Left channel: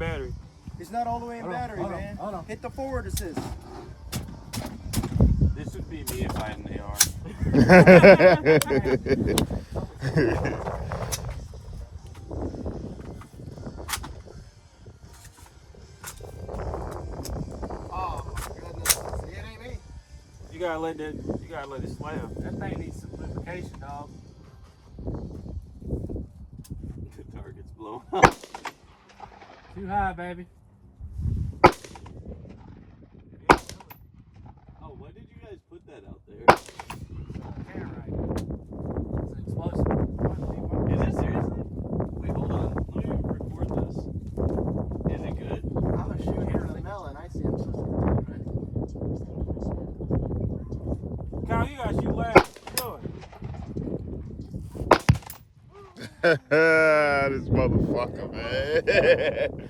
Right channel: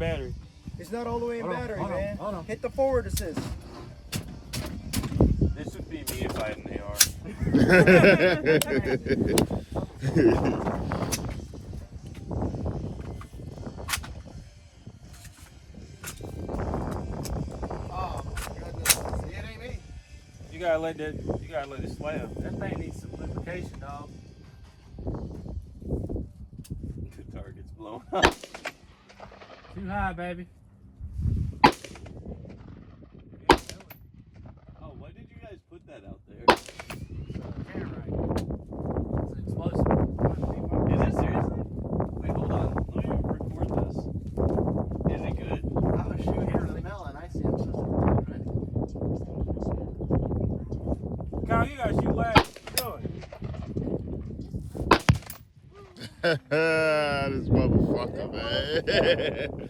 in battery. It's not all the way in battery, man. Hold on. Hit the forward assist. This would be me if I had an AR. Oh my goodness. See, it ain't me. You gotta let it slam. That thing needs some lubrication, dog. The target's blowing up. Too high, baby. Oh, why did you guys put that out there? Tannerite. It's explosive. Is it seriously? Wait, hold on. Let me record this. Is it good? I was shooting here to the melon. I see him supposed to be Kyle, you gotta shoot last. What you doing? This motherfucker, man.